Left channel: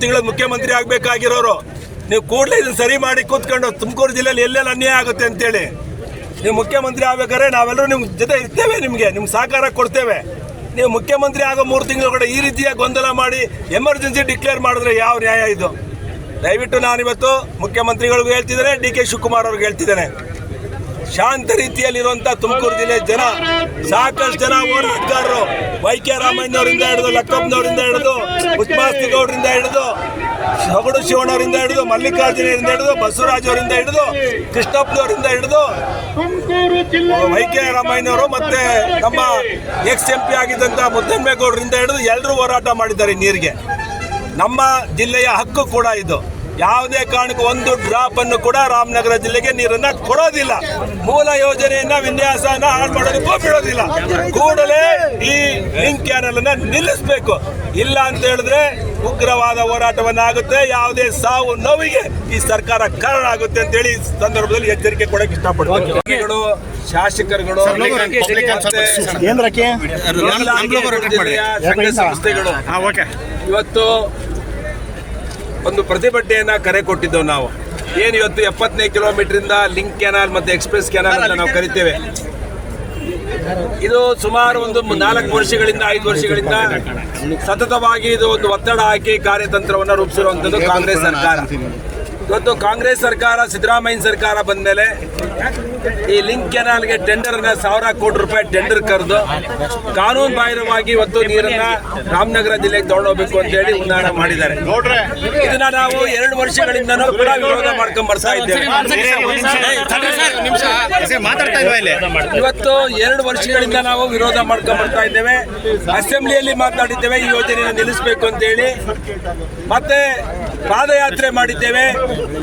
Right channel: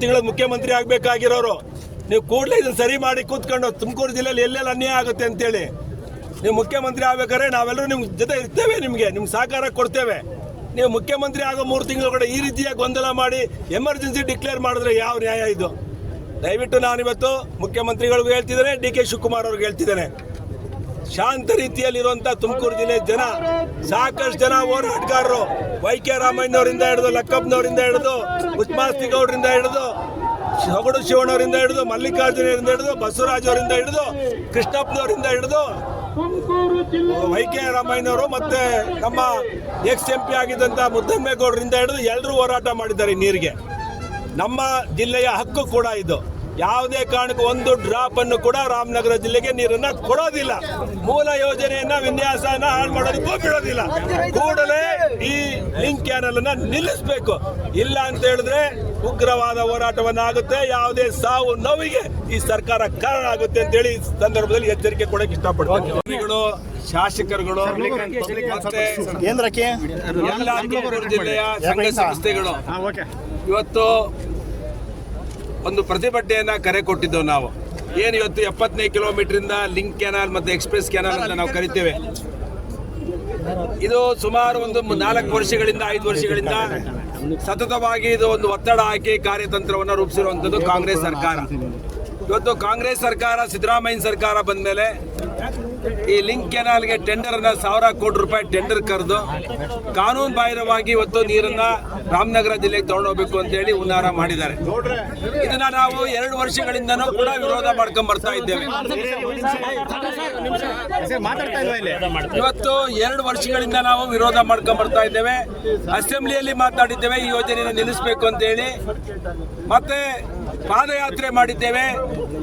ತಿಂಗಳ ಮುಖ್ಯಮಂತ್ರಿ ಆಗ್ಬೇಕಾಗಿರೋರು ನೀವು ಕೂಡಲೇ ಇದನ್ನ ಸರಿ ಮಾಡಿ ಕೂತ್ಕೊಂಡು ತುಮಕೂರು ಜಿಲ್ಲೆಯಲ್ಲಿ ಎಲ್ಲೆಲ್ಲ ಅನ್ಯಾಯ ಆಗುತ್ತೆ ಅಂತೇಳಿ ನೀವು ಮುಖ್ಯಮಂತ್ರಿ ಆಗ್ಬೇಕಾದ್ರೆ ನಾವೆಲ್ಲರೂ ನಿಮ್ಮ ಜೊತೆ ಇರ್ತೇವೆ, ನಿಮ್ಗೆ ಸಹಕಾರ ಕೊಡ್ತೇವೆ. ನೀವು ಮುಖ್ಯಮಂತ್ರಿ ಆಗೋ 3 ತಿಂಗಳು ಈ ರೀತಿಯ ಗೊಂದಲ ಮಾಡಿ ಎಮರ್ಜೆನ್ಸಿ ಡಿಕ್ಲೇರ್ ಮಾಡಿದ್ರೆ ಯಾವ ನ್ಯಾಯ ಇದು? ದಯವಿಟ್ಟು ನಾನಿವತ್ತು ಮುಖ್ಯಮಂತ್ರಿಗಳಿಗೂ ಹೇಳ್ತಿದ್ದೇನೆ, ಡಿ ಕೆ ಶಿವಕುಮಾರ್ ಅವ್ರಿಗೆ ಹೇಳ್ತಿದ್ದೇನೆ, ಶಾಂತ ರೀತಿಯಲ್ಲಿರುವಂತ ತುಮಕೂರು ಜಿಲ್ಲೆ ಜನ ಸಾಕಷ್ಟು ಜನ ಹೋರಾಟಗಾರರು ವೈಕೆ ರಾಮಯ್ಯನವರಿಂದ ಹಿಡಿದು ಲಕ್ಕಪ್ಪನವರಿಂದ ಹಿಡಿದು ಉಸ್ಮಾಸ್ತಿಗೌಡರಿಂದ ಹಿಡಿದು ಸೊಗಡು ಶಿವಣ್ಣವರಿಂದ ಹಿಡಿದು ಮಲ್ಲಿಕಾರ್ಜುನರಿಂದ ಹಿಡಿದು ಬಸವರಾಜ್ ಅವರಿಂದ ಹಿಡಿದು ಕೃಷ್ಣಪ್ಪನವರಿಂದ ಹಿಡಿದು ವೈಕೆ ರಾಮಯ್ಯನವರು ಮತ್ತೆ ನಮ್ಮ ಎಕ್ಸ್-MP ಆಗಿದ್ದಂತ ಮುದ್ದನ್ಮೇಗೌಡರಿಂದ ಹಿಡಿದು ಎಲ್ಲರೂ ಹೋರಾಟ ಮಾಡಿದ್ದಾರೆ ನೀರಿಗೆ. ನಮ್ಮ ಜಿಲ್ಲೆಯ ಹಕ್ಕು ಕೂಡ ಇದು. ಯಾವುದೇ ಕಾರಣಕ್ಕೂ ಒಂದು ಡ್ರಾಪ್ ಅನ್ನು ಕೂಡ ರಾಮನಗರ ಜಿಲ್ಲೆಗೆ ನೀರನ್ನ ಕೊಡೋದಿಲ್ಲ. ಮೂಲ ಯೋಜನೆಯನ್ನ ವಿನ್ಯಾಸನ ಹಾಳು ಮಾಡೋದಕ್ಕೂ ಬಿಡೋದಿಲ್ಲ. ಕೂಡಲೇ ಈ ಲಿಂಕ್ ಕ್ಯಾನಲ್ ಅನ್ನ ನಿಲ್ಲಿಸಬೇಕು. ಇಲ್ಲ ಅಂತ ಹೇಳಿದ್ರೆ ಉಗ್ರವಾದ ಹೋರಾಟವನ್ನಾಗುತ್ತೆ. ಯಾವುದೇ ಸಾವು ನೋವಿಗೆ ಈ ಸರ್ಕಾರ ಕಾರಣ ಆಗುತ್ತೆ ಅಂತ ಹೇಳಿ ಸಂದರ್ಭದಲ್ಲಿ ಎಚ್ಚರಿಕೆ ಕೊಡಕ್ಕೆ ಇಷ್ಟಪಡ್ತೀನಿ. ಶಾಸಕರುಗಳು, ಸಂಘ ಸಂಸ್ಥೆಗಳು ಇವತ್ತು ಒಂದು ಪ್ರತಿಭಟನೆಯನ್ನ ಕರೆ ಕೊಟ್ಟಿದ್ದೆವು. ನಾವು ಏನು ಇವತ್ತು 75 ಕಿಲೋಮೀಟರ್ ಲಿಂಕ್ ಕೆನಾಲ್ ಮತ್ತು ಎಕ್ಸ್ಪ್ರೆಸ್ ಕೆನಾಲ್ ಅಂತ ನಾವು ಕರಿತೇವೆ. ಇದು ಸುಮಾರು ಒಂದು 4 ವರ್ಷಗಳಿಂದ 5 ವರ್ಷಗಳಿಂದ ಸತತವಾಗಿ ಇದು ಒಂದು ಒತ್ತಡ ಹಾಕಿ ಕಾರ್ಯತಂತ್ರವನ್ನು ರೂಪಿಸಿರುವಂಥದ್ದು ಕಾಂಗ್ರೆಸ್ ಸರ್ಕಾರ. ಇವತ್ತು ಕಾಂಗ್ರೆಸ್ ಸರ್ಕಾರ, ಸಿದ್ದರಾಮಯ್ಯ ಸರ್ಕಾರ ಬಂದ ಮೇಲೆ ಈ ಲಿಂಕ್ ಕೆನಾಲ್ಗೆ ಟೆಂಡರ್ನ 1000 ಕೋಟಿ ರೂಪಾಯಿ ಟೆಂಡರ್ ಕರೆದು ಕಾನೂನು ಬಾಹಿರವಾಗಿ ಇವತ್ತು ನೀರನ್ನ ರಾಮನಗರ ಜಿಲ್ಲೆಗೆ ತಗೊಂಡೋಗ್ಬೇಕು ಅಂತ ಹೇಳಿ ಉನ್ನಾರ ಮಾಡಿದ್ದಾರೆ. ಇದನ್ನ ನಾವು 2 ವರ್ಷಗಳಿಂದನೂ ಕೂಡ ವಿರೋಧ ಮಾಡ್ಕೊಂಡ್ ಬರ್ತಾ ಇದ್ದೇವೆ. ಇವತ್ತು 2 ವರ್ಷಗಳಿಂದ ನಾವು ವಿರೋಧ ಮಾಡ್ಕೊಂಡ್ ಬರ್ತಾ ಇದ್ದೇವೆ. ಅಸೆಂಬ್ಲಿಯಲ್ಲಿ ಮಾತನಾಡಿದ್ದೇವೆ ಈ ಯೋಜನೆಯನ್ನು ನಿಲ್ಲಿಸಬೇಕು ಅಂತ ಹೇಳಿ. ಮತ್ತೆ ಪಾದಯಾತ್ರೆ ಮಾಡಿದ್ದೇವೆ.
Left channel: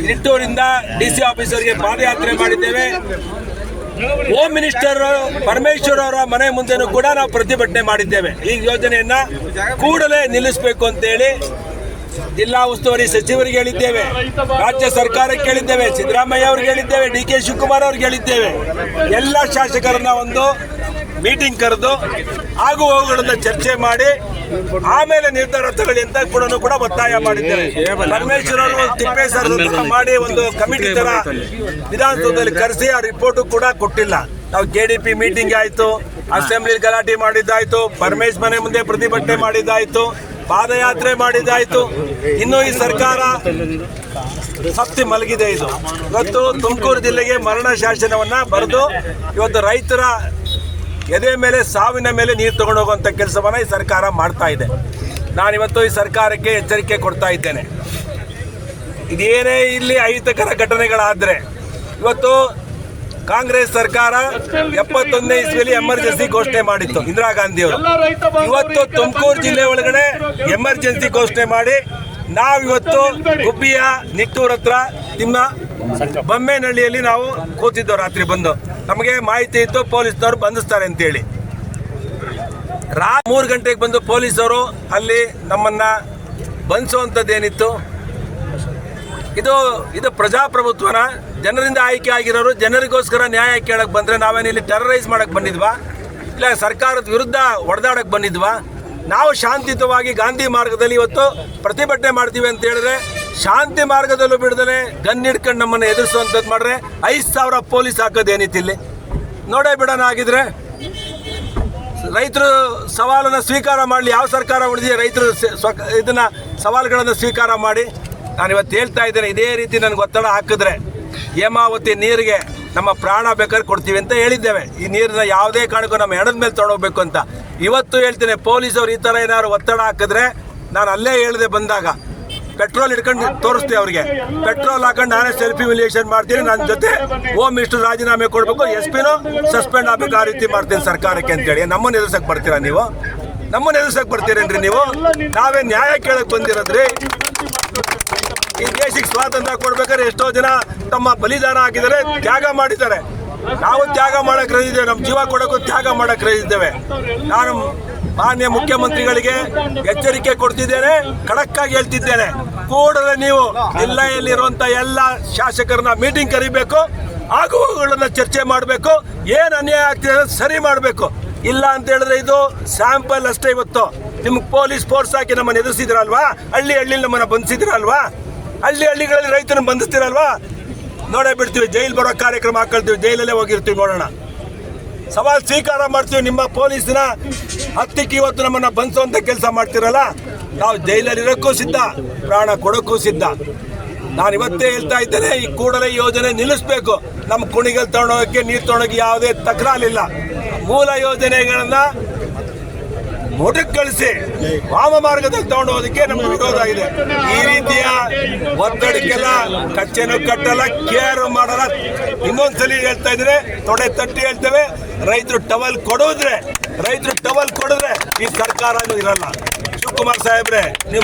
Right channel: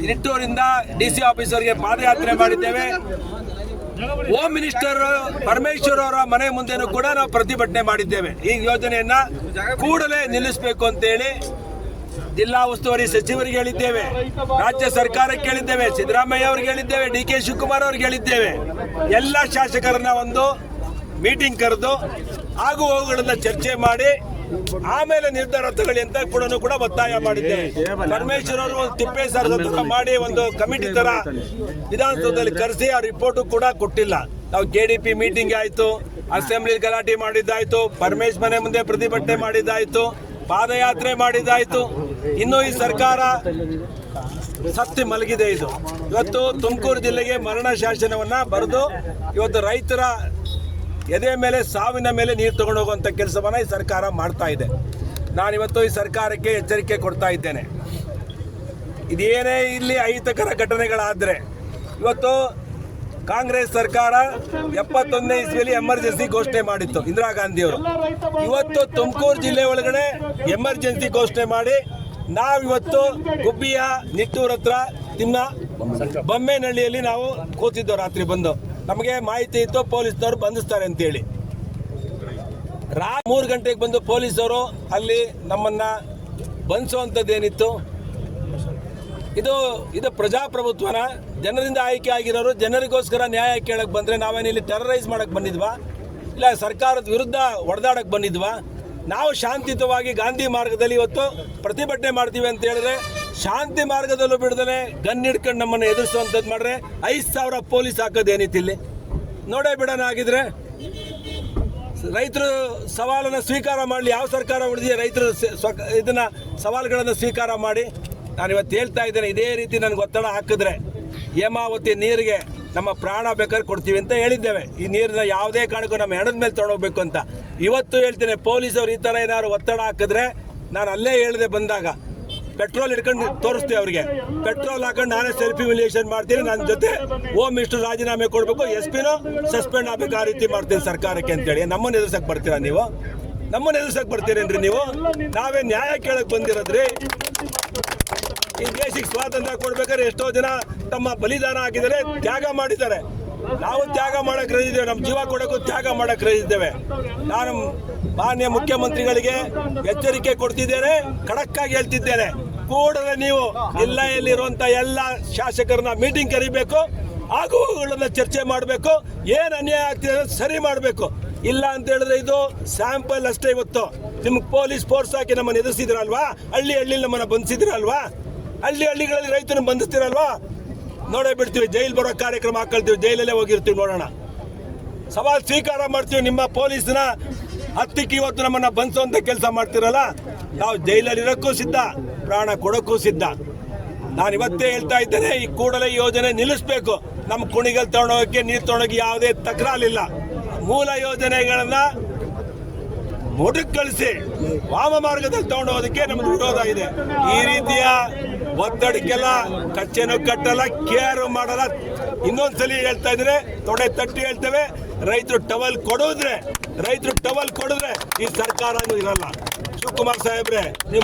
ನಿಟ್ಟೂರಿಂದ DC ಆಫೀಸರ್ಗೆ ಪಾದಯಾತ್ರೆ ಮಾಡಿದ್ದೇವೆ. ಹೋಮ್ ಮಿನಿಸ್ಟರ್ ಪರಮೇಶ್ವರ್ ಅವರ ಮನೆ ಮುಂದೆನೂ ಕೂಡ ನಾವು ಪ್ರತಿಭಟನೆ ಮಾಡಿದ್ದೇವೆ. ಈ ಯೋಜನೆಯನ್ನ ಕೂಡಲೇ ನಿಲ್ಲಿಸಬೇಕು ಅಂತೇಳಿ ಜಿಲ್ಲಾ ಉಸ್ತುವಾರಿ ಸಚಿವರಿಗೆ ಹೇಳಿದ್ದೇವೆ, ರಾಜ್ಯ ಸರ್ಕಾರಕ್ಕೆ ಹೇಳಿದ್ದೇವೆ, ಸಿದ್ದರಾಮಯ್ಯ ಅವ್ರಿಗೆ ಹೇಳಿದ್ದೇವೆ, ಡಿ ಕೆ ಶಿವಕುಮಾರ್ ಅವ್ರಿಗೆ ಹೇಳಿದ್ದೇವೆ. ಎಲ್ಲ ಶಾಸಕರನ್ನ ಒಂದು ಮೀಟಿಂಗ್ ಕರೆದು ಆಗು ಹೋಗುಗಳನ್ನ ಚರ್ಚೆ ಮಾಡಿ ಆಮೇಲೆ ನಿರ್ಧಾರ ತಗೊಳ್ಳಿ ಅಂತ ಕೂಡ ಒತ್ತಾಯ ಮಾಡಿದ್ದೇವೆ. ಪರಮೇಶ್ವರ್ ಅವರು ತಿಪ್ಪೇಶ್ವರ ಮಾಡಿ ಒಂದು ಕಮಿಟಿ ತರ ವಿಧಾನಸೌಧದಲ್ಲಿ ಕರೆಸಿ ಆ ರಿಪೋರ್ಟ್ ಕೂಡ ಕೊಟ್ಟಿಲ್ಲ. ನಾವು KDP ಮೀಟಿಂಗ್ ಆಯ್ತು, ಅಸೆಂಬ್ಲಿ ಗಲಾಟೆ ಮಾಡಿದ್ದಾಯ್ತು, ಪರಮೇಶ್ ಮನೆ ಮುಂದೆ ಪ್ರತಿಭಟನೆ ಮಾಡಿದ್ದಾಯ್ತು, ಪಾದಯಾತ್ರೆ ಮಾಡಿದ್ದಾಯ್ತು. ಇನ್ನು ಈ ಸರ್ಕಾರ ಸತ್ತಿ ಮಲಗಿದೆ. ಇದು ಇವತ್ತು ತುಮಕೂರು ಜಿಲ್ಲೆಗೆ ಮರಣ ಶಾಸನವನ್ನ ಬರೆದು ಇವತ್ತು ರೈತರ ಎದೆ ಮೇಲೆ, ಸಾವಿನ ಮೇಲೆ ನೀರು ತಗೊಂಡು ಹೋಗುವಂಥ ಕೆಲಸವನ್ನ ಈ ಸರ್ಕಾರ ಮಾಡ್ತಾ ಇದೆ. ನಾನಿವತ್ತು ಈ ಸರ್ಕಾರಕ್ಕೆ ಎಚ್ಚರಿಕೆ ಕೊಡ್ತಾ ಇದ್ದೇನೆ. ಇದೇನೇ ಇಲ್ಲಿ ಅಹಿತಕರ ಘಟನೆಗಳಾದರೆ, ಇವತ್ತು ಕಾಂಗ್ರೆಸ್ ಸರ್ಕಾರ 71ನೇ ಇಸ್ವಿಯಲ್ಲಿ ಎಮರ್ಜೆನ್ಸಿ ಘೋಷಣೆ ಮಾಡಿತ್ತು ಇಂದಿರಾ ಗಾಂಧಿ ಅವರು. ಇವತ್ತು ತುಮಕೂರು ಜಿಲ್ಲೆ ಒಳಗಡೆ ಎಮರ್ಜೆನ್ಸಿ ಘೋಷಣೆ ಮಾಡಿ ನಾವಿವತ್ತು ಗುಬ್ಬಿಯ ನಿಟ್ಟೂರ್ ಹತ್ರ ಬೊಮ್ಮೇನಹಳ್ಳಿಯಲ್ಲಿ ನಾವು ಕೂತಿದ್ದೆವು. ರಾತ್ರಿ ಬಂದು ನಮಗೆ ಮಾಹಿತಿ ಇತ್ತು ಪೊಲೀಸ್ನವರು ಬಂಧಿಸ್ತಾರೆ ಅಂತೇಳಿ. 3 ಗಂಟೆಗೆ ಬಂದು ಪೊಲೀಸರು ಅಲ್ಲಿ ನಮ್ಮನ್ನ ಬಂಧಿಸುವಂಥದ್ದೇನಿತ್ತು? ಇದು ಪ್ರಜಾಪ್ರಭುತ್ವನ? ಜನರಿಂದ ಆಯ್ಕೆ ಆಗಿರೋರು ಜನರಿಗೋಸ್ಕರ ನ್ಯಾಯ ಕೇಳಕ್ಕೆ ಬಂದರೆ ನಾವೇನಿಲ್ಲಿ ಟೆರರೈಸ್ ಮಾಡಕ್ಕೆ ಬಂದಿದ್ವಾ? ಇಲ್ಲ ಸರ್ಕಾರದ ವಿರುದ್ಧ ಹೊಡೆದಾಡಕ್ಕೆ ಬಂದಿದ್ವಾ? ನಾವು ಶಾಂತಿಯುತವಾಗಿ ಗಾಂಧಿ ಮಾರ್ಗದಲ್ಲಿ ಇವತ್ತು ಪ್ರತಿಭಟನೆ ಮಾಡ್ತೀವಿ ಅಂತ ಹೇಳಿದ್ರೆ, ಶಾಂತಿ ಮಾರ್ಗದಲ್ಲೂ ಬಿಡದಲೆ ಗನ್ ಹಿಡ್ಕೊಂಡು ನಮ್ಮನ್ನು ಎದುರಿಸುವಂಥದ್ದು ಮಾಡ್ರೆ 5,000 ಪೊಲೀಸ್ ಹಾಕೋದೇನಿತ್ತು ಇಲ್ಲಿ? ನೋಡೇ ಬಿಡೋಣ. ಆಗಿದ್ರೆ ರೈತರು ಸವಾಲನ್ನು ಸ್ವೀಕಾರ ಮಾಡಲಿ. ಯಾವ ಸರ್ಕಾರ ಉಳಿದಿದೆ ರೈತರು ಇದನ್ನ ಸವಾಲುಗಳನ್ನು ಸ್ವೀಕಾರ ಮಾಡಿ? ನಾನಿವತ್ತು ಹೇಳ್ತಾ ಇದ್ದೇನೆ, ಇದೇ ರೀತಿ ನನಗೆ ಒತ್ತಡ ಹಾಕಿದ್ರೆ ಹೇಮಾವತಿ ನೀರಿಗೆ ನಮ್ಮ ಪ್ರಾಣ ಬೇಕಾದ್ರೆ ಕೊಡ್ತೀವಿ ಅಂತ ಹೇಳಿದ್ದೇವೆ. ಈ ನೀರನ್ನ ಯಾವುದೇ ಕಾರಣಕ್ಕೂ ನಮ್ಮ ಹೆಣದ ಮೇಲೆ ತೊಗೊಂಡೋಗ್ಬೇಕು ಅಂತ ಇವತ್ತು ಹೇಳ್ತೇನೆ. ಪೊಲೀಸರು ಈ ಥರ ಏನಾದ್ರು ಒತ್ತಡ ಹಾಕಿದ್ರೆ ನಾನು ಅಲ್ಲೇ ಹೇಳಿದೆ ಬಂದಾಗ, ಪೆಟ್ರೋಲ್ ಹಿಡ್ಕೊಂಡು ತೋರಿಸ್ತೀವಿ ಅವ್ರಿಗೆ. ಪೆಟ್ರೋಲ್ ಹಾಕೊಂಡು ನಾನೇ ಸೆಲ್ಫಿ ವಿಲೇಷನ್ ಮಾಡ್ತೀನಿ, ನನ್ನ ಜೊತೆ ಹೋಮ್ ಮಿನಿಸ್ಟರ್ ರಾಜೀನಾಮೆ ಕೊಡಬೇಕು, SP-ನೂ ಸಸ್ಪೆಂಡ್ ಆಗಬೇಕು, ಆ ರೀತಿ ಮಾಡ್ತೀನಿ ಸರ್ಕಾರಕ್ಕೆ ಅಂತೇಳಿ. ನಮ್ಮನ್ನು ಎದುರ್ಸಕ್ಕೆ ಬರ್ತೀರಾ ನೀವು? ನಮ್ಮನ್ನು ಎದುರ್ಸಕ್ಕೆ ಬರ್ತೀರೇನ್ರಿ ನೀವು? ನಾವೇ ನ್ಯಾಯ ಕೇಳಕ್ಕೆ ಬಂದಿರೋದ್ರಿ. ಈ ದೇಶಕ್ಕೆ ಸ್ವಾತಂತ್ರ್ಯ ಕೊಡ್ಬೇಕಾದ್ರೆ ಎಷ್ಟೋ ಜನ ತಮ್ಮ ಬಲಿದಾನ ಹಾಕಿದ್ದಾರೆ, ತ್ಯಾಗ ಮಾಡಿದ್ದಾರೆ. ನಾವು ತ್ಯಾಗ ಮಾಡಕ್ಕೆ ರೈದಿದ್ದೇವೆ, ನಮ್ಮ ಜೀವ ಕೊಡೋಕ್ಕೂ ತ್ಯಾಗ ಮಾಡಕ್ಕೆ ರೈದಿದ್ದೇವೆ. ನಾನು ಮಾನ್ಯ ಮುಖ್ಯಮಂತ್ರಿಗಳಿಗೆ ಎಚ್ಚರಿಕೆ ಕೊಡ್ತಿದ್ದೇನೆ, ಖಡಕ್ಕಾಗಿ ಹೇಳ್ತಿದ್ದೇನೆ, ಕೂಡಲೇ ನೀವು ಜಿಲ್ಲೆಯಲ್ಲಿರುವಂಥ ಎಲ್ಲ ಶಾಸಕರನ್ನ ಮೀಟಿಂಗ್ ಕರಿಬೇಕು. ಆಗುವಗಳನ್ನು ಚರ್ಚೆ ಮಾಡಬೇಕು. ಏನು ಅನ್ಯಾಯ ಆಗ್ತಿದೆ ಅನ್ನೋದು ಸರಿ ಮಾಡಬೇಕು. ಇಲ್ಲ ಅಂತ ಹೇಳಿದ್ರೆ ಇದು ಸ್ಯಾಂಪಲ್ ಅಷ್ಟೇ. ಇವತ್ತು ನಿಮ್ಗೆ ಪೊಲೀಸ್ ಫೋರ್ಸ್ ಹಾಕಿ ನಮ್ಮನ್ನು ಎದುರಿಸಿದ್ರಲ್ವಾ, ಹಳ್ಳಿ ನಮ್ಮನ್ನು ಬಂಧಿಸಿದ್ರಲ್ವಾ, ಹಳ್ಳಿಗಳಲ್ಲಿ ರೈತರನ್ನ ಬಂಧಿಸ್ತಿರಲ್ವಾ, ನೋಡೇ ಬಿಡ್ತೀವಿ. ಜೈಲ್ ಬರೋ ಕಾರ್ಯಕ್ರಮ ಹಾಕೊಳ್ತೀವಿ, ಜೈಲಲ್ಲೇ ಹೋಗಿರ್ತೀವಿ. ನೋಡೋಣ, ಸವಾಲ್ ಸ್ವೀಕಾರ ಮಾಡ್ತೀವಿ. ನಿಮ್ಮ ಪೊಲೀಸ್ನ ಹತ್ತಿಕ್ಕೆ ಇವತ್ತು ನಮ್ಮನ್ನ ಬಂಧಿಸುವಂತ ಕೆಲಸ ಮಾಡ್ತಿರಲ್ಲ, ನಾವು ಜೈಲಲ್ಲಿ ಇರೋಕ್ಕೂ ಸಿದ್ಧ, ಪ್ರಾಣ ಕೊಡೋಕ್ಕೂ ಸಿದ್ಧ. ನಾನು ಇವತ್ತೇ ಹೇಳ್ತಾ ಇದ್ದೇನೆ, ಈ ಕೂಡಲೇ ಯೋಜನೆ ನಿಲ್ಲಿಸಬೇಕು. ನಮ್ಮ ಕುಣಿಗಲ್ ತಗೊಂಡೋಗಕ್ಕೆ, ನೀರು ತಗೊಂಡೋಗಿ ಯಾವುದೇ ತಕರಾರಿಲ್ಲ. ಮೂಲ ಯೋಜನೆಗಳನ್ನ ಮೊಟಕುಗೊಳಿಸಿ ವಾಮ ಮಾರ್ಗದಲ್ಲಿ ತಗೊಂಡು ಹೋಗೋದಕ್ಕೆ ನಮ್ಗೆ ವಿರೋಧ ಇದೆ. ಈ ರೀತಿಯ ಒತ್ತಡಕ್ಕೆಲ್ಲ ಕಚ್ಚೆನೂ ಕಟ್ಟಲ್ಲ, ಕೇರ್ ಮಾಡಲ್ಲ. ಇನ್ನೊಂದ್ಸಲಿ ಹೇಳ್ತಾ ಇದ್ರೆ, ತೊಡೆ ತಟ್ಟಿ ಹೇಳ್ತೇವೆ, ರೈತರು ಟವಲ್ ಕೊಡಿದ್ರೆ ಈ ಸರ್ಕಾರ ಇರಲ್ಲ. ಶಿವಕುಮಾರ್ ಸಾಹೇಬ್ರೆ, ನಿಮ್ಮ